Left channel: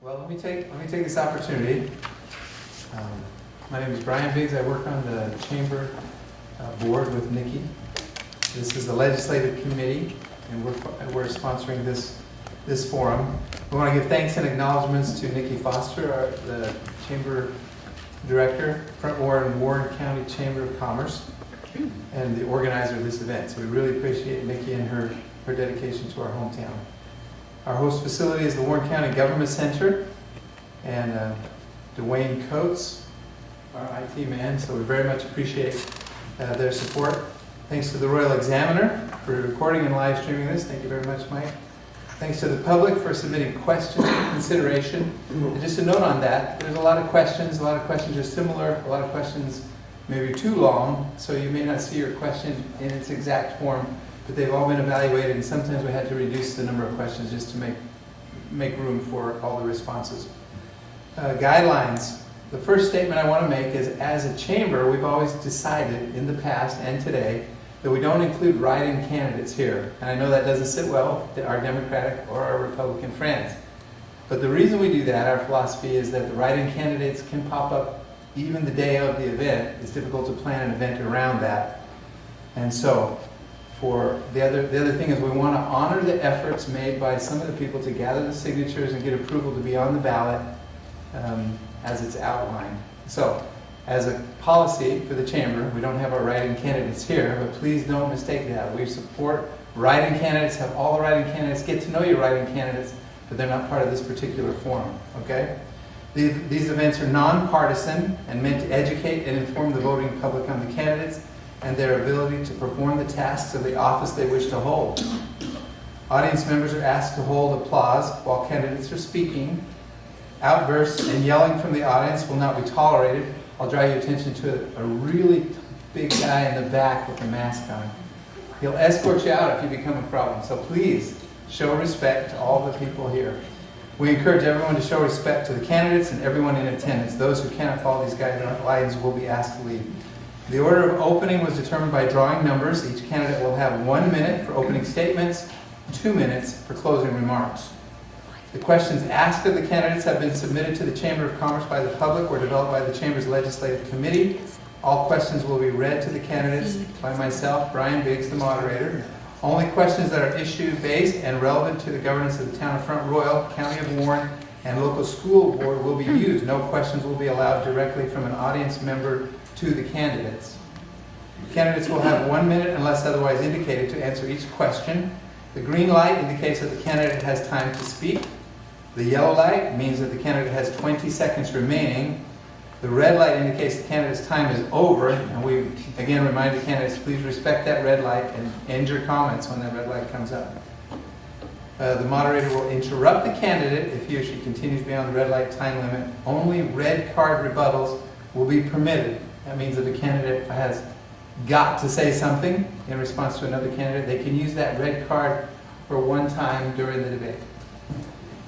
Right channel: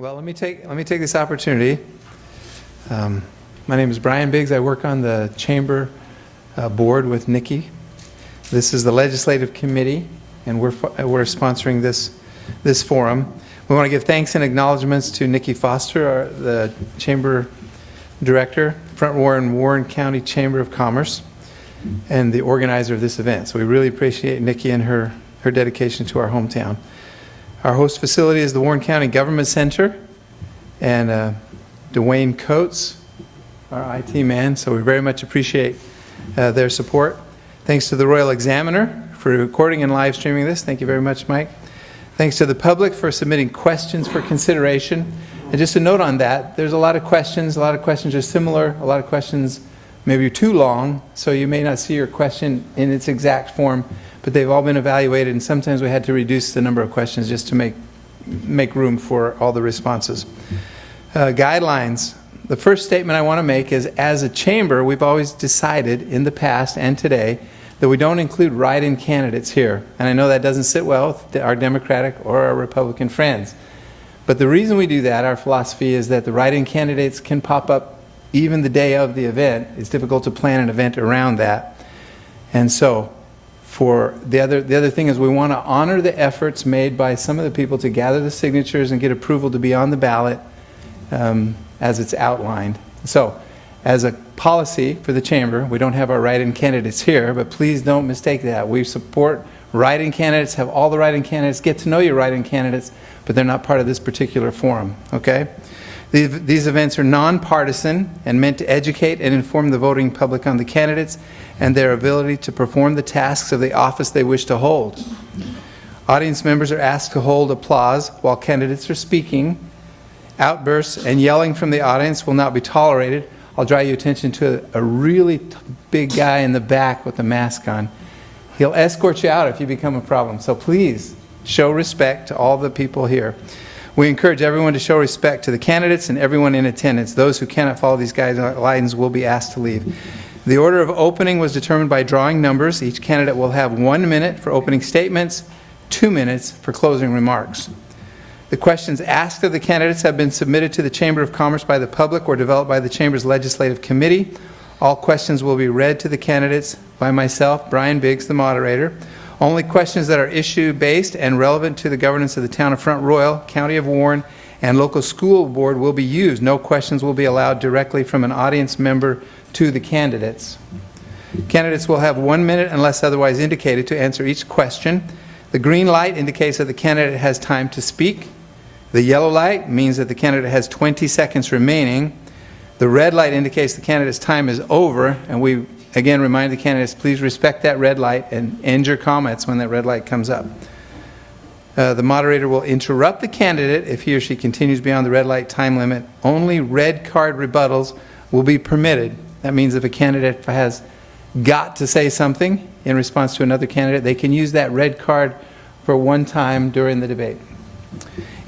Well, let me take this opportunity. My name is Brian Biggs. I work on the Chamber board with Nikki. This is the Legislative Committee, and we're sponsoring this forum. We want to give thanks and acknowledgments to Nikki Foster, the Chamber Director, Front Warren County Chamber of Commerce, and the organizer of this event. So we really appreciate Nikki and her dedication to our hometown. Our host facility is the Warren County Government Center, and Dwayne Coates, our IT man, so we very much appreciate their support. Thanks to the Royal Examiner for recording and live streaming this. Thank you very much, Mike. Thanks to the public for submitting questions for consideration. And just a note on that, there's a lot of questions. A lot of questions are similar. A lot of questions maybe too long, so you may not see your question in its exact form, but they've all been evaluated, and sometimes we had to reduce the number of questions just to make room for all the responses. Guidelines. The first statement I want to make is, as a chamber, we've always decided in the past and today that we don't include write-in candidates here. And I know that doesn't sit well with our Democratic or our Republican friends. But the reason we do that, our philosophy, is that the write-in candidates can pop up even the day of the event. It's difficult to plan an event around that. And so, for the other thing is we want to honor the efforts made by some of the people to gather the signatures and get approval to be on the ballot as it's outlined. So, as a policy for the chamber, we don't have our write-in candidates here, but please don't mistake that. We support write-in candidates, have all the write-in candidates, get to know your write-in candidates, but they're not part of this particular forum, okay? These events are nonpartisan and meant to educate and inform the voting public on the candidates and their ability to perform the tasks of the office they wish to hold. Audience members are asked to hold applause while candidates are speaking. Outbursts and yelling from the audience will not be tolerated. I'll draw your attention to a really big guy in the back with a mask on. He'll escort you out if you become a problem. So please show respect to all the people here. We encourage everyone to show respect to the candidates and everyone in attendance. Those who cannot follow these guidelines will be asked to leave. The order of opening was determined by drawing numbers. Each candidate will have 1 minute for opening statements, 2 minutes for closing remarks. The questions asked of the candidates have been submitted to the Chamber of Commerce by the public or developed by the Chamber's Legislative Committee. All questions will be read to the candidates by myself, Brian Biggs, the moderator. Only questions that are issue-based and relevant to the governance of the town of Front Royal, County of Warren, and local school board will be used. No questions will be allowed directly from an audience member to the candidates. Candidates will have 1 minute unless otherwise indicated to answer each question. The green light indicates that the candidate has time to speak. The yellow light means that the candidate has 20 seconds remaining. The red light indicates the candidate's time is over, and we again remind the candidates, please respect that red light and end your comments when that red light comes up. The moderator will interrupt the candidate if he or she continues beyond the red light time limit. Only red card rebuttals will be permitted. That means if a candidate has got to say something in response to another candidate, they can use that red card for one time during the debate.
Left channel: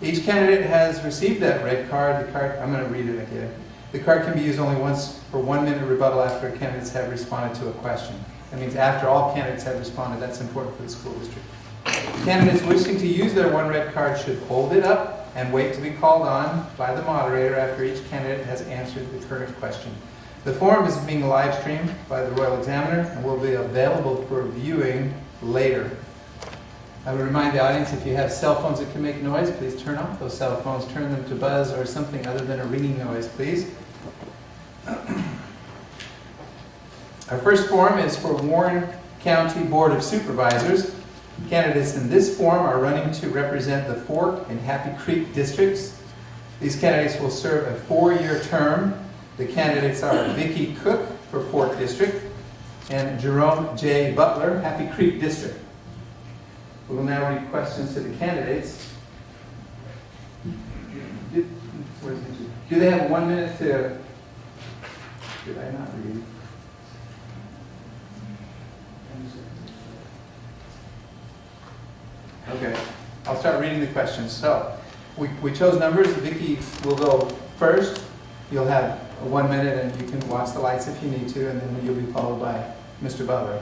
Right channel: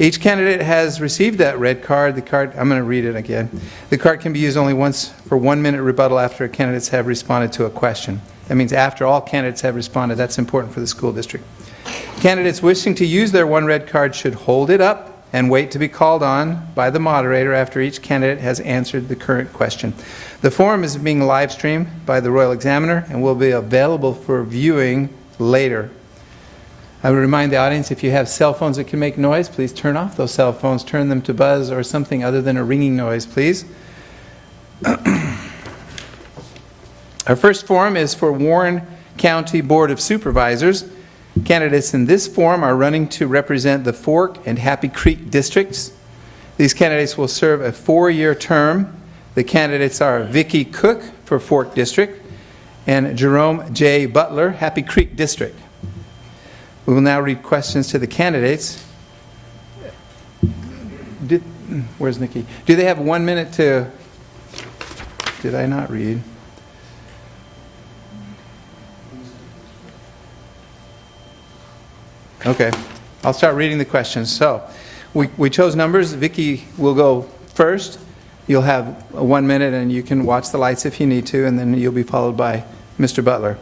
Each candidate has received that red card. I'm going to read it again. The card can be used only once for 1 minute rebuttal after candidates have responded to a question. That means after all candidates have responded. That's important for the school district. Candidates wishing to use their one red card should hold it up and wait to be called on by the moderator after each candidate has answered the current question. The forum is being live streamed by the Royal Examiner and will be available for viewing later. I would remind the audience, if you have cell phones that can make noise, please turn off those cell phones, turn them to buzz or something other than a ringing noise, please. Our first forum is for Warren County Board of Supervisors. Candidates in this forum are running to represent the Fork and Happy Creek districts. These candidates will serve a 4-year term. The candidates are Vicky Cook for Fork District and Jerome Jay Butler, Happy Creek District. We will now read questions to the candidates. Where's Nikki? Do they have 1 minute to... Did I not read? Okay, I'll start reading the questions. So, we chose numbers. Vicky will go first. You'll have 1 minute and you can watch the lights if you need to, and then you'll be followed by Mr. Butler.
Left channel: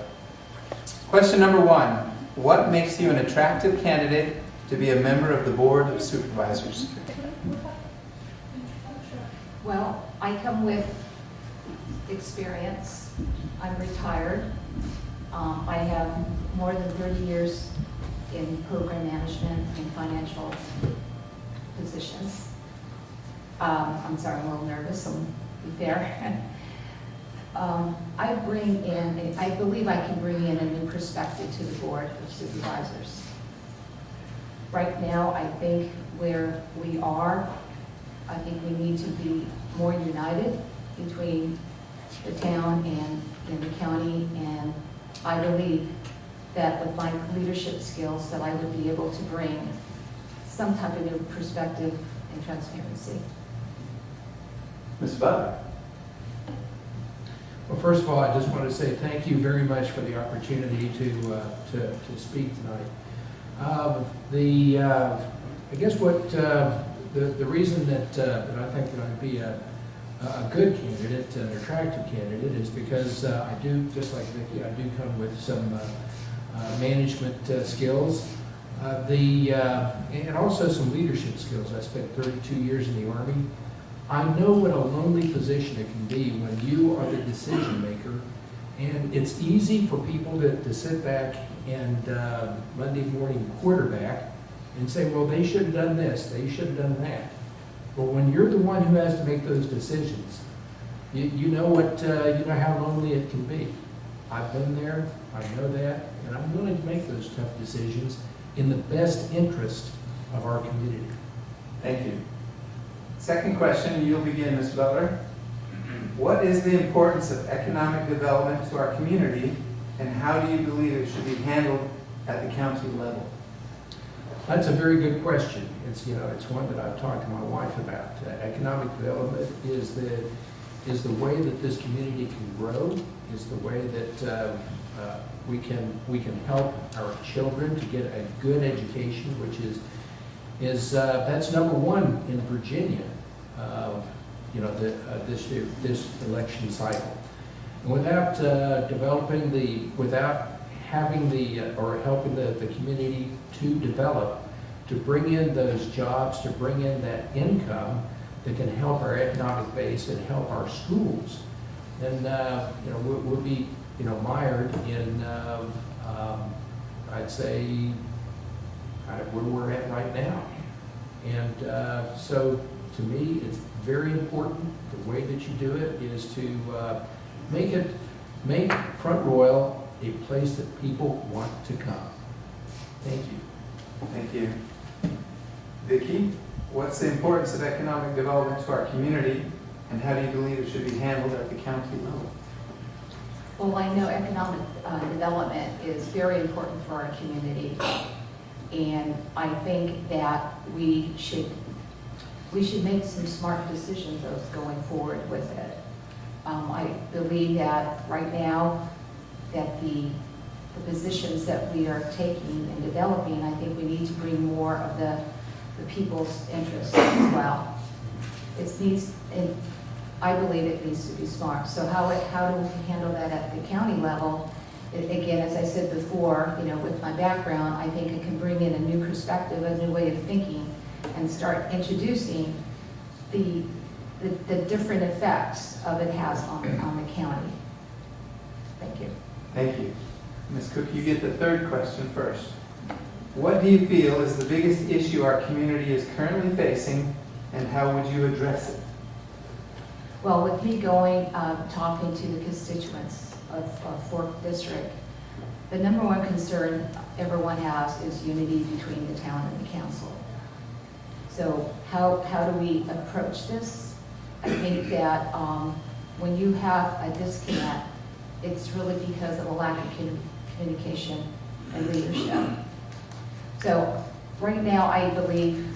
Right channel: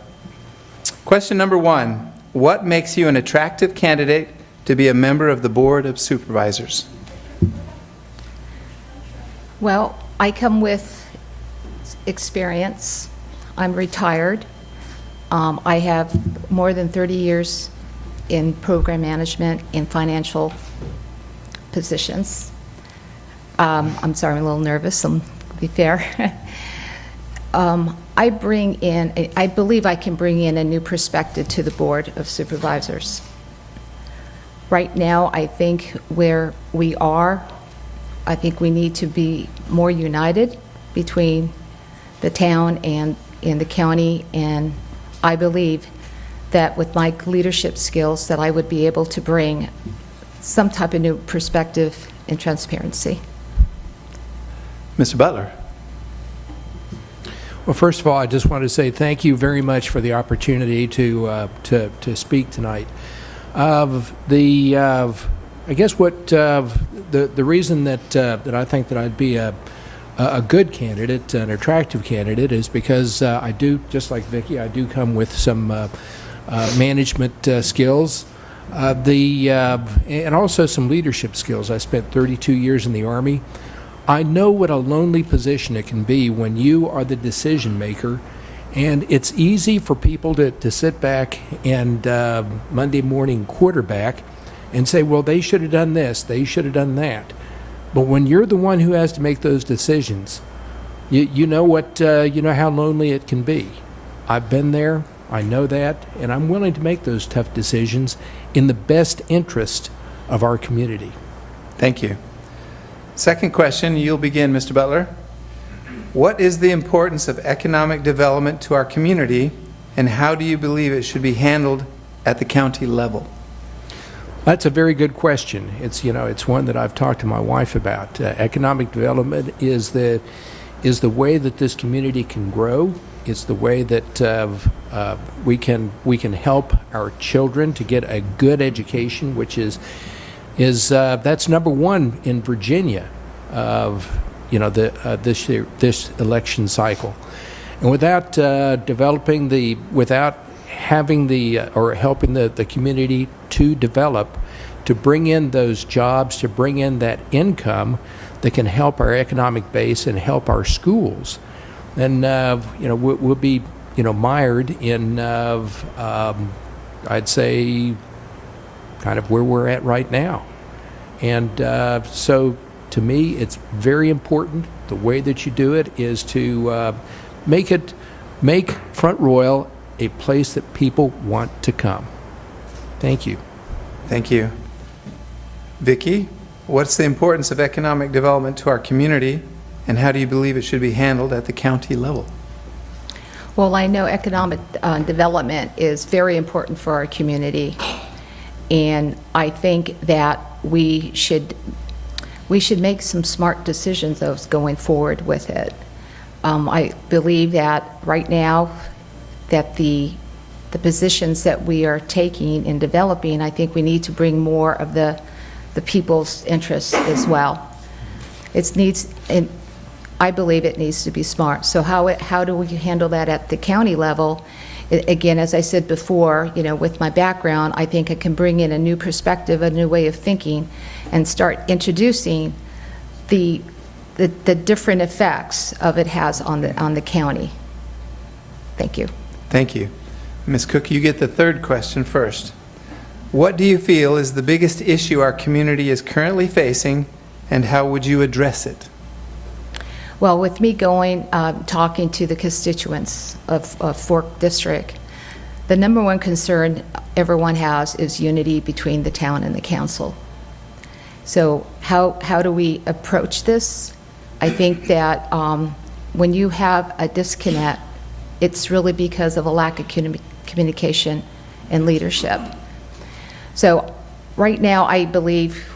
Question number 1. What makes you an attractive candidate to be a member of the Board of Supervisors? Well, I come with experience. I'm retired. I have more than 30 years in program management in financial positions. I'm sorry, I'm a little nervous, to be fair. I believe I can bring in a new perspective to the Board of Supervisors. Right now, I think where we are, I think we need to be more united between the town and in the county, and I believe that with my leadership skills that I would be able to bring some type of new perspective and transparency. Mr. Butler. Well, first of all, I just want to say thank you very much for the opportunity to speak tonight. I guess what the reason that I think that I'd be a good candidate, an attractive candidate, is because I do, just like Vicky, I do come with some management skills, and also some leadership skills. I spent 32 years in the Army. I know what a lonely position it can be when you are the decision maker, and it's easy for people to sit back and Monday morning quarterback and say, well, they should have done this, they should have done that. But when you're the one who has to make those decisions, you know how lonely it can be. I've been there, I know that, and I'm willing to make those tough decisions in the best interest of our community. Thank you. Second question, you'll begin, Mr. Butler. What is the importance of economic development to our community, and how do you believe it should be handled at the county level? That's a very good question. It's one that I've talked to my wife about. Economic development is the way that this community can grow. It's the way that we can help our children to get a good education, which is that's number one in Virginia of this election cycle. And without having helping the community to develop, to bring in those jobs, to bring in that income that can help our economic base and help our schools, then we'll be mired in I'd say kind of where we're at right now. And so to me, it's very important. The way that you do it is to make Front Royal a place that people want to come. Thank you. Thank you. Vicky, what's the importance of economic development to our community, and how do you believe it should be handled at the county level? Well, I know economic development is very important for our community, and I think that we should make some smart decisions going forward with it. I believe that right now that the positions that we are taking in developing, I think we need to bring more of the people's interests as well. I believe it needs to be smart. So how do we handle that at the county level? Again, as I said before, with my background, I think I can bring in a new perspective, a new way of thinking, and start introducing the different effects of it has on the county. Thank you. Thank you. Ms. Cook, you get the third question first. What do you feel is the biggest issue our community is currently facing, and how would you address it? Well, with me talking to the constituents of Fork District, the number one concern everyone has is unity between the town and the council. So how do we approach this? I think that when you have a disconnect, it's really because of a lack of communication and leadership. So right now, I believe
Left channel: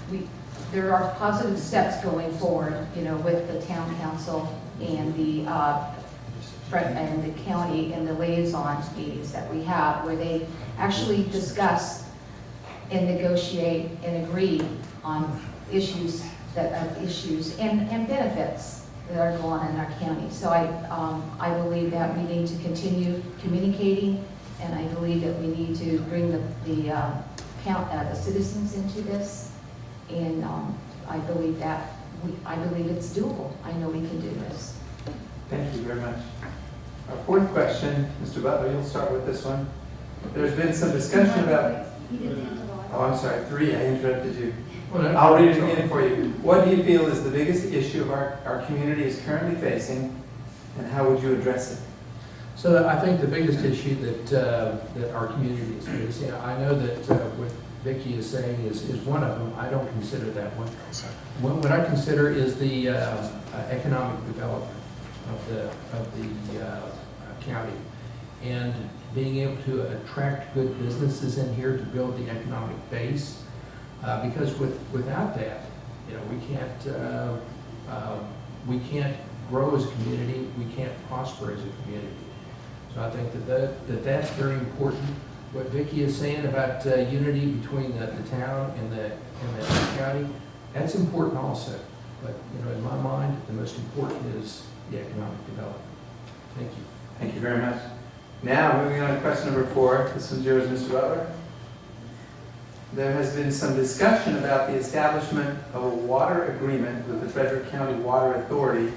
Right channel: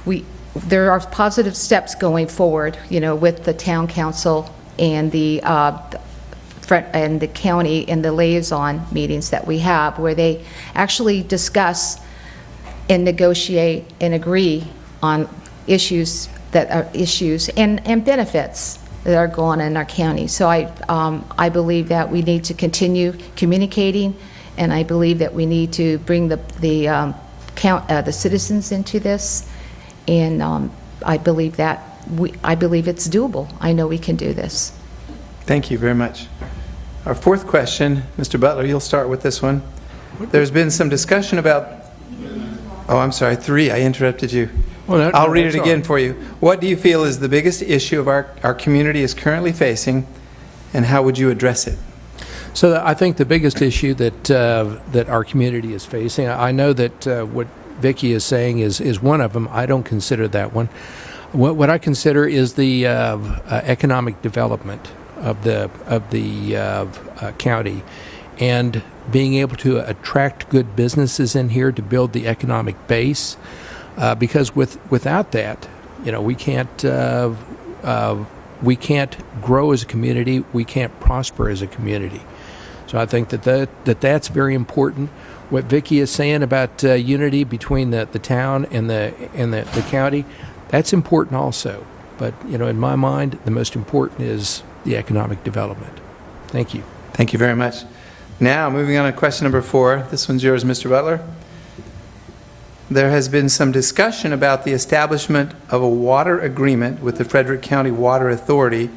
there are positive steps going forward, with the town council and the county and the liaison meetings that we have, where they actually discuss and negotiate and agree on issues and benefits that are going on in our county. So I believe that we need to continue communicating, and I believe that we need to bring the citizens into this, and I believe that I believe it's doable. I know we can do this. Thank you very much. Our fourth question, Mr. Butler, you'll start with this one. There's been some discussion about, oh, I'm sorry, 3, I interrupted you. Well, I'll read it again for you. What do you feel is the biggest issue of our community is currently facing, and how would you address it? So I think the biggest issue that our community is facing, I know that what Vicky is saying is one of them. I don't consider that one. What I consider is the economic development of the county, and being able to attract good businesses in here to build the economic base. Because without that, we can't grow as a community. We can't prosper as a community. So I think that's very important. What Vicky is saying about unity between the town and the county, that's important also. But in my mind, the most important is the economic development. Thank you. Thank you very much. Now, moving on to question number 4. This one's yours, Mr. Butler. There has been some discussion about the establishment of a water agreement with the Frederick County Water Authority.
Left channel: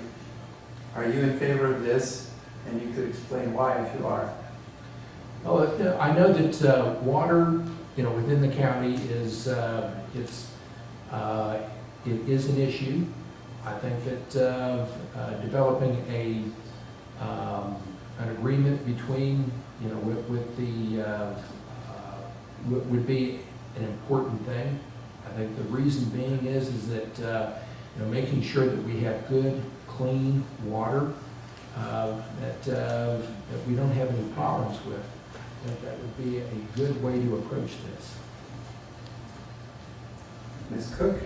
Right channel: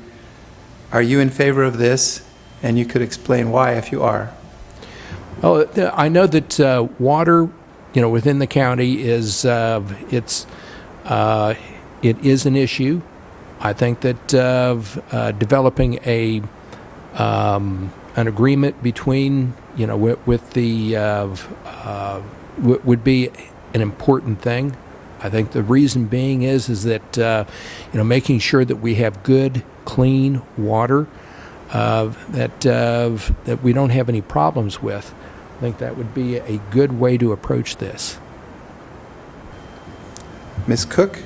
Are you in favor of this? And you could explain why if you are. Well, I know that water, within the county is it is an issue. I think that developing an agreement between with the would be an important thing. I think the reason being is that making sure that we have good, clean water that we don't have any problems with. I think that would be a good way to approach this. Ms. Cook,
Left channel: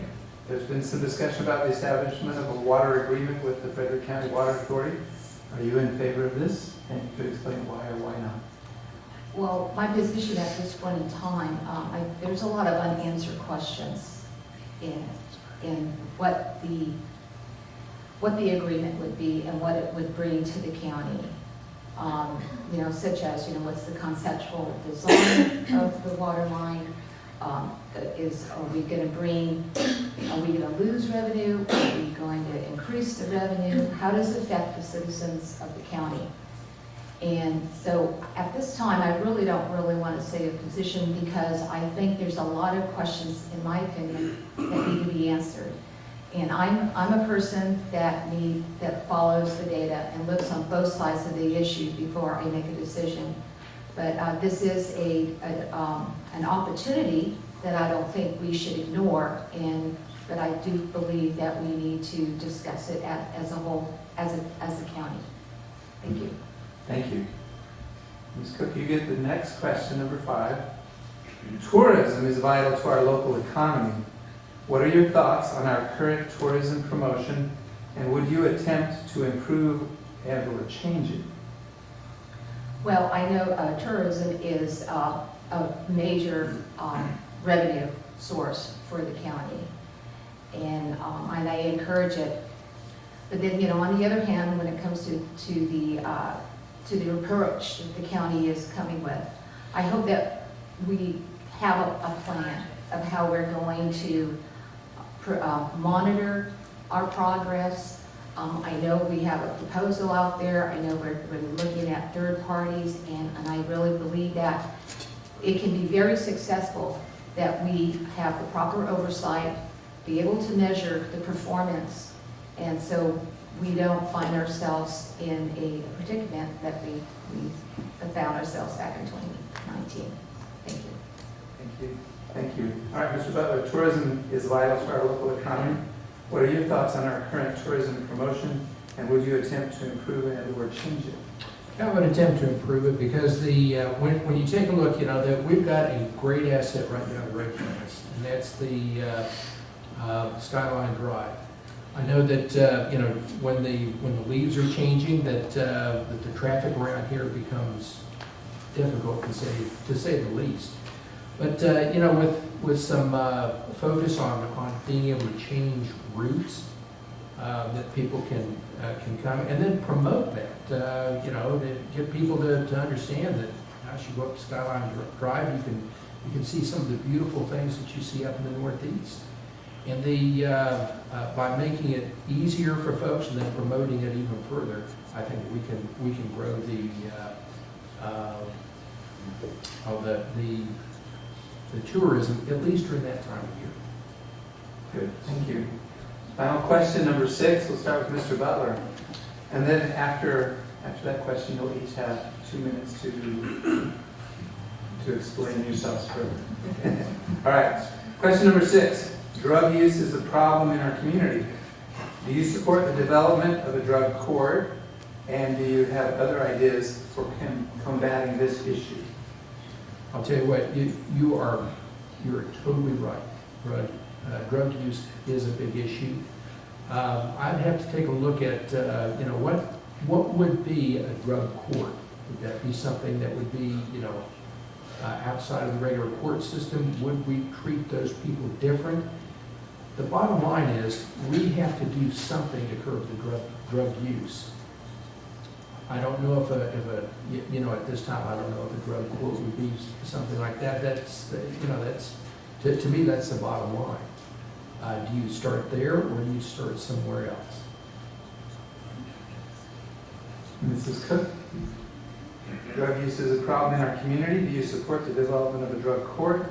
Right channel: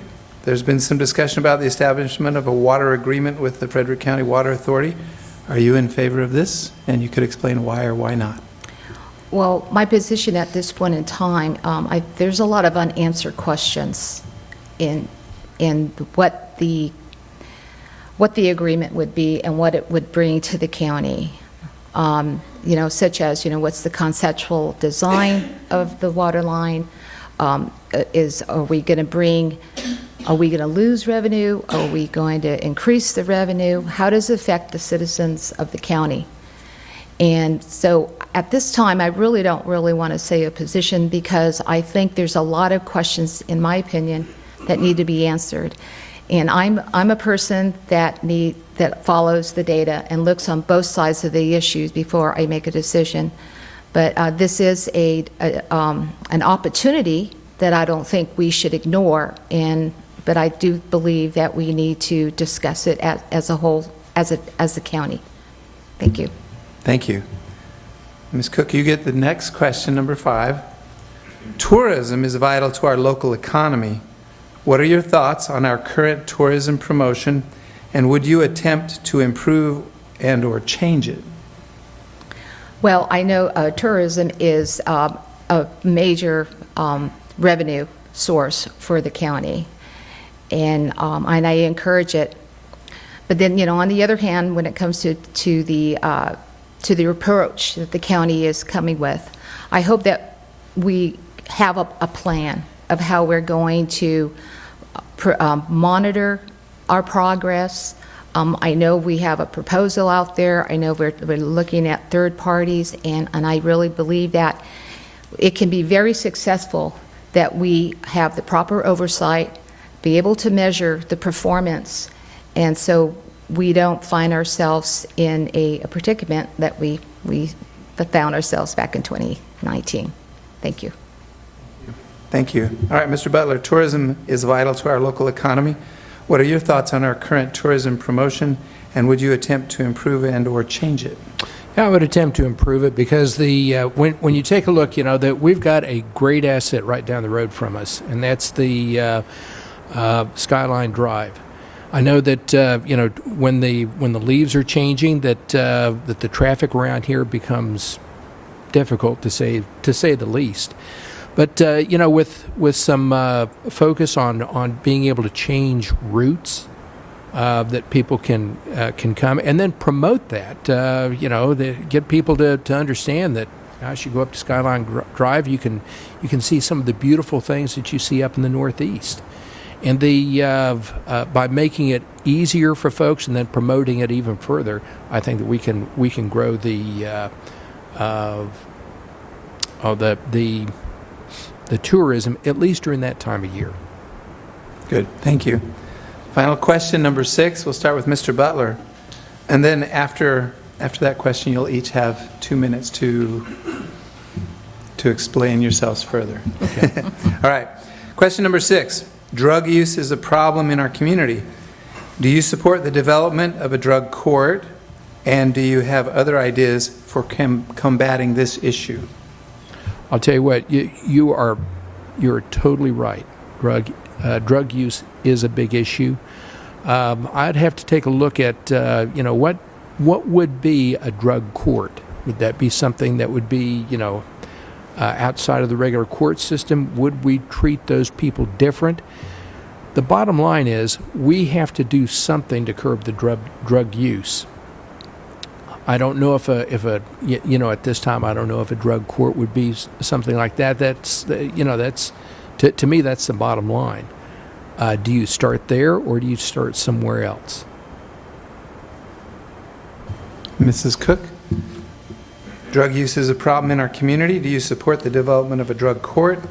there's been some discussion about the establishment of a water agreement with the Frederick County Water Authority. Are you in favor of this? And you could explain why or why not. Well, my position at this point in time, there's a lot of unanswered questions in what the agreement would be and what it would bring to the county. Such as, what's the conceptual design of the water line? Are we going to lose revenue? Are we going to increase the revenue? How does it affect the citizens of the county? And so at this time, I really don't want to say a position, because I think there's a lot of questions, in my opinion, that need to be answered. And I'm a person that follows the data and looks on both sides of the issues before I make a decision. But this is an opportunity that I don't think we should ignore. But I do believe that we need to discuss it as a whole, as a county. Thank you. Thank you. Ms. Cook, you get the next question, number 5. Tourism is vital to our local economy. What are your thoughts on our current tourism promotion, and would you attempt to improve and or change it? Well, I know tourism is a major revenue source for the county, and I encourage it. But then, on the other hand, when it comes to the approach that the county is coming with, I hope that we have a plan of how we're going to monitor our progress. I know we have a proposal out there. I know we're looking at third parties, and I really believe that it can be very successful that we have the proper oversight, be able to measure the performance, and so we don't find ourselves in a predicament that we found ourselves back in 2019. Thank you. Thank you. All right, Mr. Butler, tourism is vital to our local economy. What are your thoughts on our current tourism promotion, and would you attempt to improve and or change it? Yeah, I would attempt to improve it, because when you take a look, that we've got a great asset right down the road from us, and that's the Skyline Drive. I know that when the leaves are changing, that the traffic around here becomes difficult to say the least. But with some focus on being able to change routes, that people can come, and then promote that. Get people to understand that as you go up to Skyline Drive, you can see some of the beautiful things that you see up in the Northeast. And by making it easier for folks and then promoting it even further, I think that we can grow the tourism, at least during that time of year. Good, thank you. Final question, number 6. We'll start with Mr. Butler. And then after that question, you'll each have 2 minutes to explain yourselves further. Okay. All right. Question number 6. Drug use is a problem in our community. Do you support the development of a drug court? And do you have other ideas for combating this issue? I'll tell you what, you're totally right. Drug use is a big issue. I'd have to take a look at what would be a drug court. Would that be something that would be outside of the regular court system? Would we treat those people different? The bottom line is we have to do something to curb the drug use. I don't know if at this time I don't know if a drug court would be something like that. That's to me that's the bottom line. Do you start there or do you start somewhere else? Mrs. Cook? Drug use is a problem in our community. Do you support the development of a drug court?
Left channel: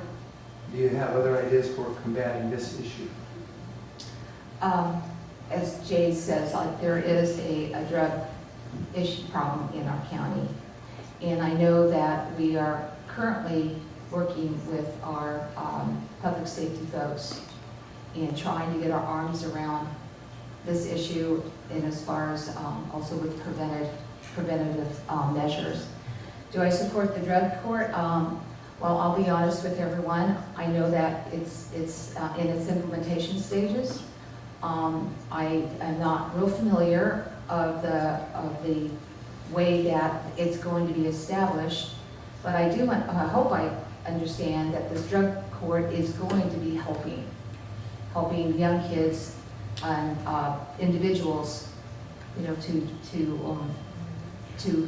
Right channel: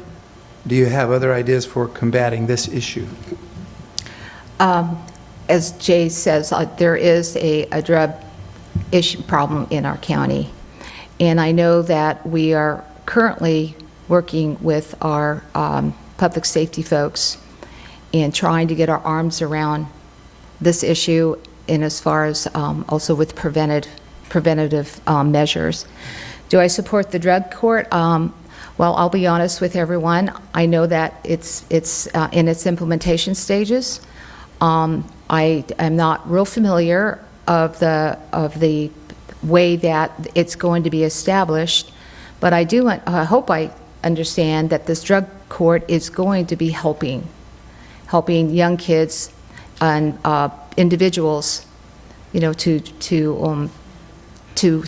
Do you have other ideas for combating this issue? As Jay says, there is a drug issue problem in our county. And I know that we are currently working with our public safety folks and trying to get our arms around this issue in as far as also with preventative measures. Do I support the drug court? Well, I'll be honest with everyone. I know that it's in its implementation stages. I am not real familiar of the way that it's going to be established, but I hope I understand that this drug court is going to be helping young kids and individuals, to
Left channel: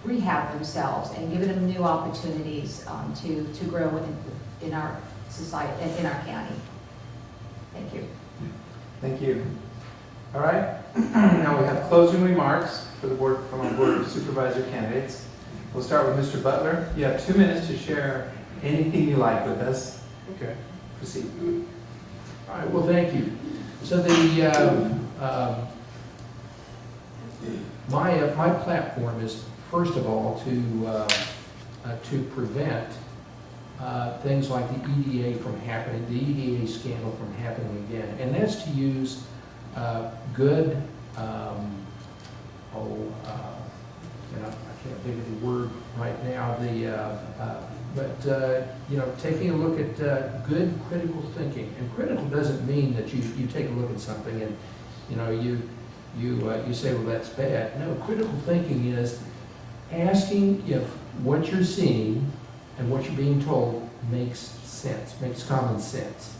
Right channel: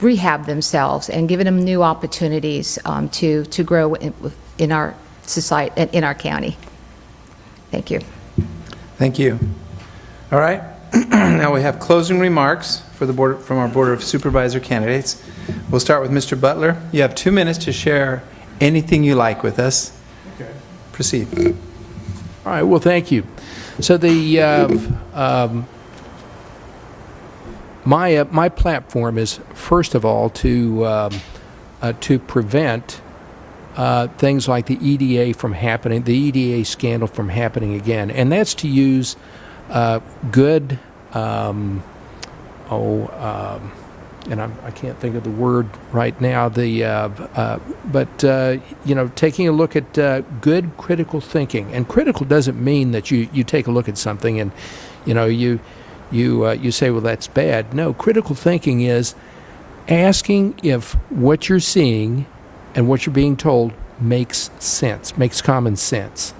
rehab themselves and giving them new opportunities to grow in our society and in our county. Thank you. Thank you. All right. Now we have closing remarks for the board from our Board of Supervisor candidates. We'll start with Mr. Butler. You have 2 minutes to share anything you like with us. Okay. Proceed. All right. Well, thank you. So my platform is first of all to prevent things like the EDA from happening, the EDA scandal from happening again, and that's to use good. And I can't think of the word right now. Taking a look at good critical thinking, and critical doesn't mean that you take a look at something and you say, well, that's bad. No, critical thinking is asking if what you're seeing and what you're being told makes sense, makes common sense.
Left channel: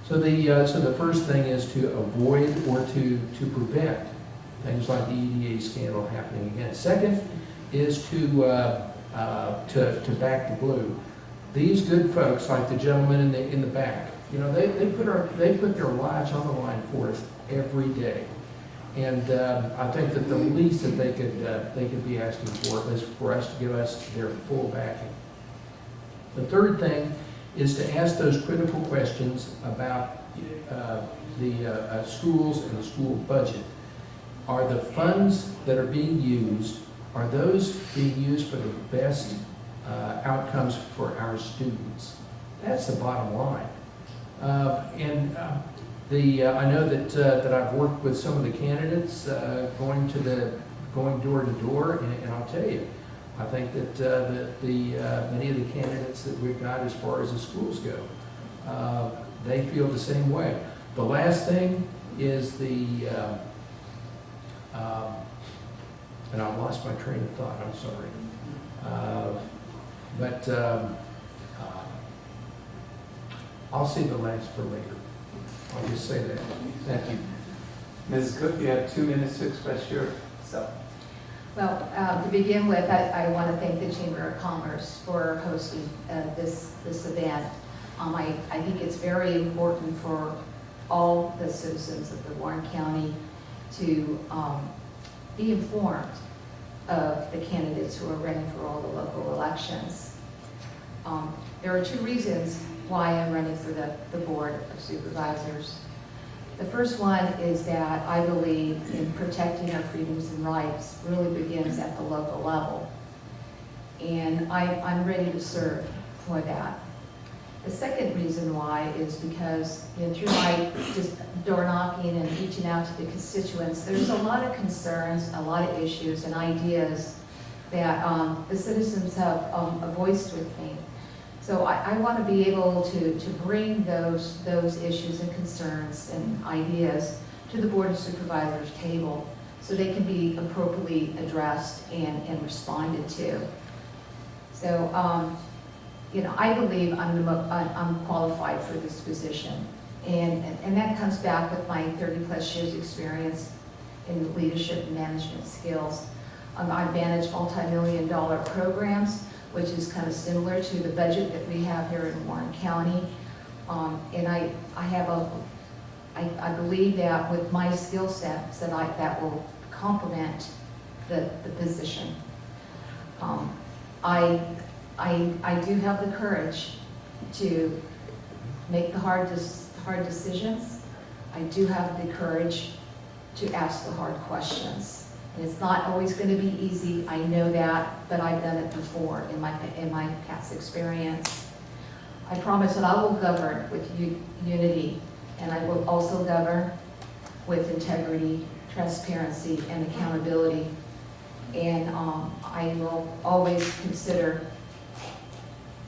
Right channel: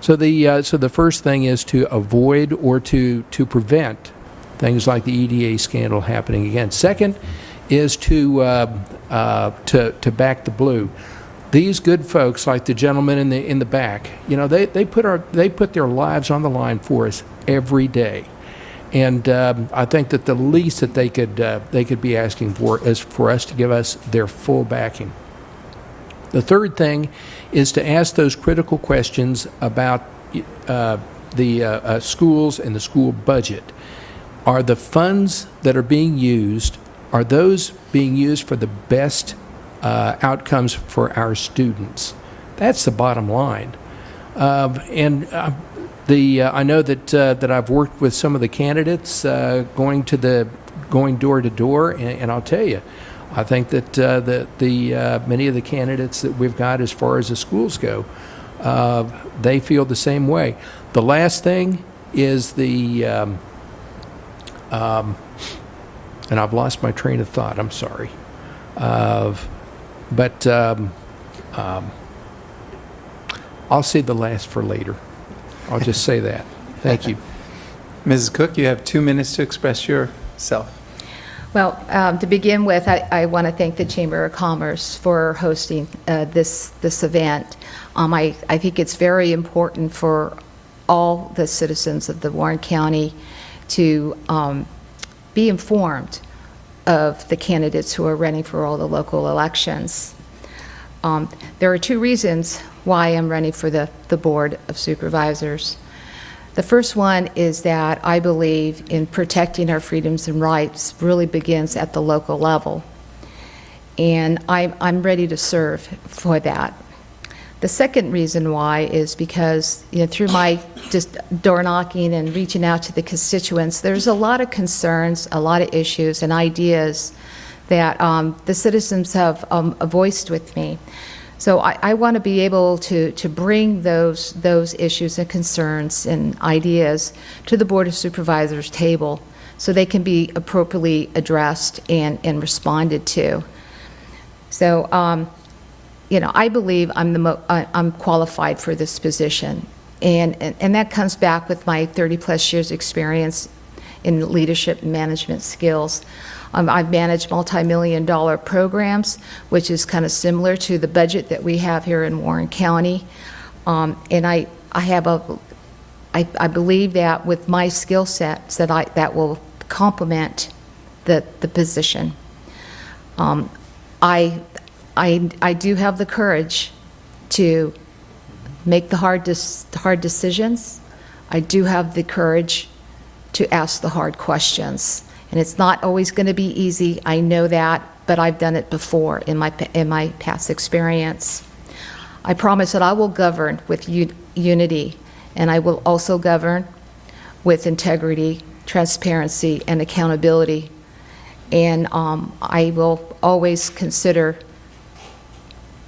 So the first thing is to avoid or to prevent things like the EDA scandal happening again. Second is to back the blue. These good folks, like the gentleman in the back, they put their lives on the line for us every day, and I think that the least that they could be asking for is for us to give us their full backing. The third thing is to ask those critical questions about the schools and the school budget. Are the funds that are being used, are those being used for the best outcomes for our students? That's the bottom line. I know that I've worked with some of the candidates going door to door, and I'll tell you, I think that many of the candidates that we've got as far as the schools go, they feel the same way. The last thing is and I've lost my train of thought, I'm sorry. But I'll save the last for later. I'll just say that. Thank you. Mrs. Cook, you have 2 minutes to express yourself. Well, to begin with, I want to thank the Chamber of Commerce for hosting this event. I think it's very important for all the citizens of the Warren County to be informed of the candidates who are running for all the local elections. There are two reasons why I'm running for the Board of Supervisors. The first one is that I believe in protecting our freedoms and rights really begins at the local level. And I'm ready to serve for that. The second reason why is because, through my just door knocking and reaching out to the constituents, there's a lot of concerns, a lot of issues and ideas that the citizens have voiced with me. So I want to be able to bring those issues and concerns and ideas to the Board of Supervisors table so they can be appropriately addressed and responded to. So, I believe I'm qualified for this position. And that comes back with my 30-plus years experience in leadership and management skills. I've managed multi-million-dollar programs, which is kind of similar to the budget that we have here in Warren County. And I believe that with my skill sets that will complement the position. I do have the courage to make the hard decisions. I do have the courage to ask the hard questions. And it's not always going to be easy, I know that, but I've done it before in my past experience. I promise that I will govern with unity, and I will also govern with integrity, transparency, and accountability. And I will always consider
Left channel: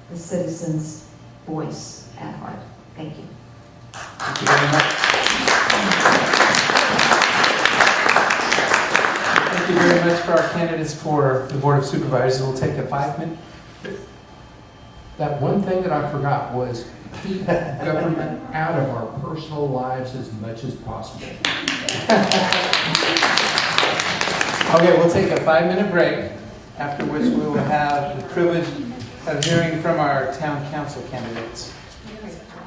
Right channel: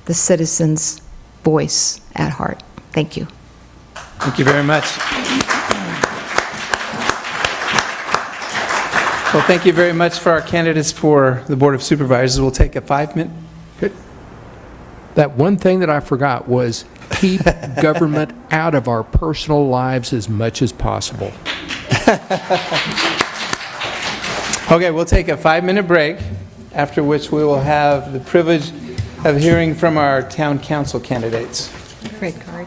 the citizens' voice at heart. Thank you. Thank you very much. Well, thank you very much for our candidates for the Board of Supervisors. We'll take a 5-minute. That one thing that I forgot was keep government out of our personal lives as much as possible. Okay, we'll take a 5-minute break, after which we will have the privilege of hearing from our town council candidates. Great card.